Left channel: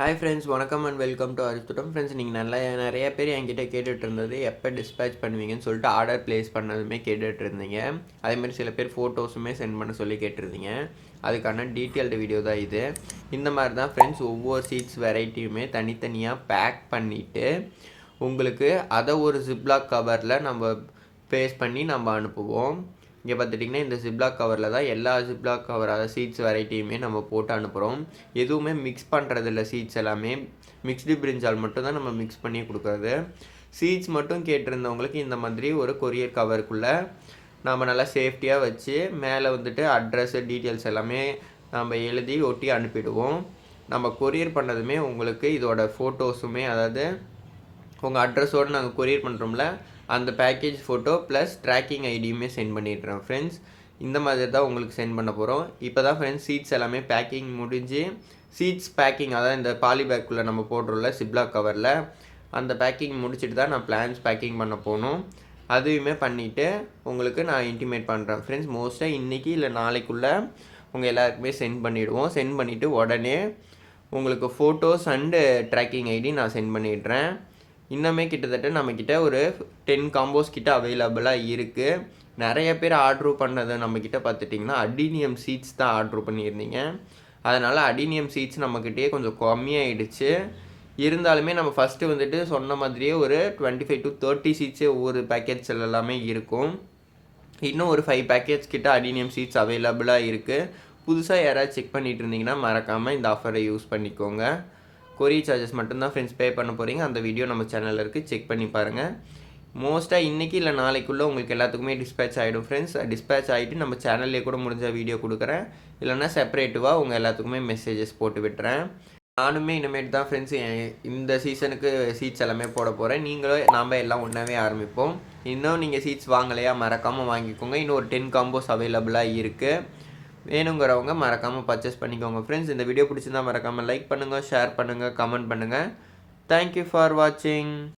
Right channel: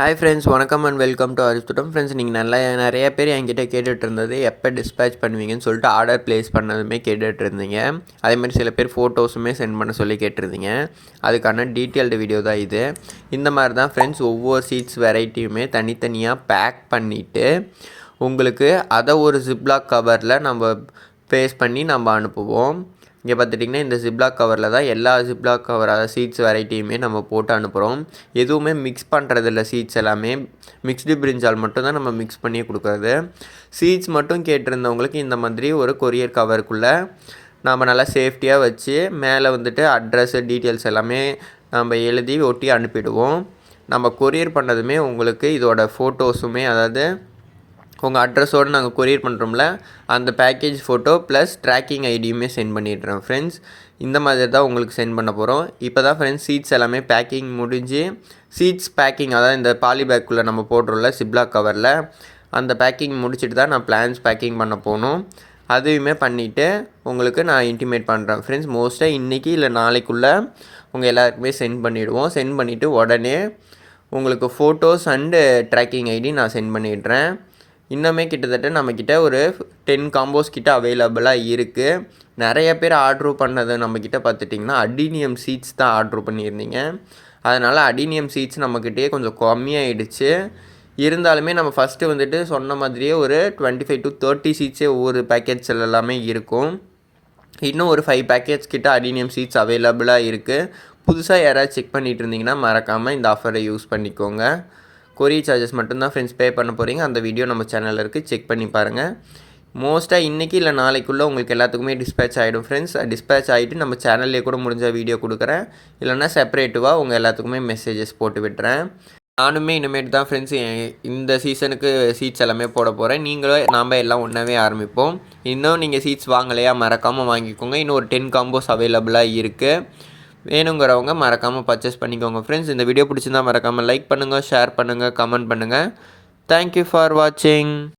Hi friends, வணக்கம் and welcome to அரிஸ்டோடம். Friends, நீங்கள் நிறைய பேர் என்கிட்ட கேட்டுட்டு இருந்தது எப்போ டிஸ்பேச் பண்ணுவீங்கன்னு சொல்லிட்டு ஆர்டர் ப்ளேஸ் பண்ணதுமே கேட்டுட்டு இருந்தீங்க. அதேமாதிரி சில பேர் ஃபோட்டோஸுமே சென்ட் பண்ண சொல்லி கேட்டிருந்தீங்க. அதுக்கான டீட்டெயில்டு வீடியோ தான் இது. இந்த மாதிரி தான் ஃப்ரெண்ட்ஸ் ஒவ்வொரு சீட்ஸ் வெரைட்டியுமே தனித்தனியாக பேக் பண்ணிவிட்டு உங்களுக்கு அதை ஒரு ஜிப்லாக் கவரில் நம்ம பேஸ்ட் பண்ணி நம்ம அனுப்புவோம். இங்கே பார்த்துட்டிங்கன்னா இந்த ஜிப்லாக் கவரில் தான் எல்லா ஜிப்லாக் கவர் அதாவது சீட்ஸ் வெரைட்டியுமே நம்ம போட்டு அனுப்புகிறோம். எதுவுமே மிக்ஸ் பண்ணுறதில்ல. சீட்ஸ் எல்லாமே மிக்ஸ்டு பிரிஞ்சால் மட்டும் தான் நம்ம மிக்ஸ் பண்ணி கொடுக்குறது. சீட்ஸ் மட்டும் கேட்டிருந்தவங்களுக்கு இந்த மாதிரி ஒரு கொரியர் கவருக்குள்ளே நம்ம நல்லா சேஃப்டியாக வச்சு மேலே வந்துட்டு அட்ரஸ்ஸு டீட்டெயில்ஸ் எல்லாமே நம்ம எழுதி ஒட்டி அனுப்பிடுவோம். நம்ம கொரியர் பண்ணதுமே உங்களுக்கு இதோட ஃபோட்டோஸுமே அதாவது உங்கள் அட்ரஸோடு நாங்கள் கொரியர் பண்ணுறோம்ல அந்த பேக்கேஜ் ஃபோட்டோ ப்ளஸ் ட்ராக்கிங் ஐடியுமே சென்ட் பண்ணிடுறோம் ஃப்ரெண்ட்ஸ். இந்த மாதிரி தான் உங்களுக்கு சென்ட் பண்ண போகிறோம். இப்போ தான் ஃப்ரெண்ட்ஸ் சீட்ஸ் எல்லாமே பேக்கிங் முடிஞ்சு சீட்ஸ் பேக்கிங் அதாவது இந்த பாலி பேக்குள்ளே நம்ம போடுறோம்ல ஜிப்லாக் கவரில் அந்த பேக்கிங் முடிச்சுட்டு தான் நான் பிளான்ஸ் பேக்கிங் பண்ண போகணும். அதையுமே பண்ணிவிட்டு உங்களுக்கு நான் இன்டிமேட் பண்ணுறேன் ஃப்ரெண்ட்ஸ். மோஸ்ட்டாக இன்றைக்கி இல்லை நாளைக்குள்ளே உங்கள் எல்லாருக்குமே சென்ட் பண்ணிவிடுவோம். சென்ட் பண்ணிவிட்டு உடனே உங்களுக்கு ஃபோட்டோஸ் அண்டு ட்ராக்கிங் ஐடி நான் சென்ட் பண்ணிடுறேன். இன்னுமே கிட்டத்தட்ட நம்மக்கிட்ட ஒரு 10 காம்போஸ் கிட்ட அவைலபிளாக இருக்குது. நிறைய பேர் ஆர்ட்ரு பண்ணது நம்மக்கிட்ட பார்த்துட்டிங்கன்னா அடினியம் சீட்ஸ் தான் ஆர்ட்ரு பண்ணியிருந்தீங்க. அதனால் அடினியம் சீட்ஸ் நம்மக்கிட்டே கொஞ்சம் கம்மியாகிடுச்சு. இருந்தாலுமே நம்ம ஃபஸ்ட்டு வந்துட்டு சொன்ன மாதிரியே ஒரு 25 to 30 சீட்ஸே ஒவ்வொரு பேக்கேஜ்ஸில் எல்லாமே இருக்கும். இன்னும் ஒரு 5 பேக்கேஜ் கிட்ட அடினியம் சீட்ஸ் அவைலபிளாக இருக்குது. புதுசாக யாராவது செக் பண்ணிகிட்டு இருந்தீங்கன்னா மறக்காமல் இந்த ஆஃபரை யூஸ் பண்ணிக்கோங்க. கொரியர் சார்ஜஸ் மட்டும்தான் ஃப்ரெண்ட்ஸ் பே பண்ண போகிறீங்க. அந்த வீடியோ நம்ம சேனலில் இருக்குது, செக் பண்ணி பாருங்கள். மோஸ்ட்டாக இன்றைக்கி இல்லை நாளைக்குள்ளே உங்களுக்கு எல்லாத்துக்குமே டிஸ்பேச் ஆகிடும் ஃப்ரெண்ட்ஸ். டிஸ்பேச் ஆகிட்டு நம்ம சேனல்லே கூட முடிஞ்ச வீடியோ கொடுக்குறேன். இல்லைனா செப்பரேட்டிவாக உங்கள் எல்லாத்துக்குமே மெசேஜஸ் போட்டு விட்டுறேன். நானுமே இனிமேட்டு தான் ஃப்ரெண்ட்ஸ் இந்த சீசனுக்கு சீட்ஸ் எல்லாமே போட போகிறேன். நீங்களும் நாம் எல்லாம் ஒன்றாவே ஆரம்பிப்போம். இன்னும் நீங்கள் சீட்ஸ் வாங்கலையா மறக்காமல் வாங்கிக்கோங்க. இன்னும் ஒரு 10 காம்போஸ் அவைலபிளாக இருக்குது. வேணுங்கிறவங்க மறக்காமல் பர்ச்சேஸ் பண்ணிக்கோங்க ஃப்ரெண்ட்ஸ். இந்த வீடியோ பிடிச்சிருந்தால் மறக்காமல் லைக் பண்ணுங்கள், ஷேர் பண்ணுங்கள், கமெண்ட் பண்ணுங்கள். தேங்க்யூ ஃபார் வாட்சிங்.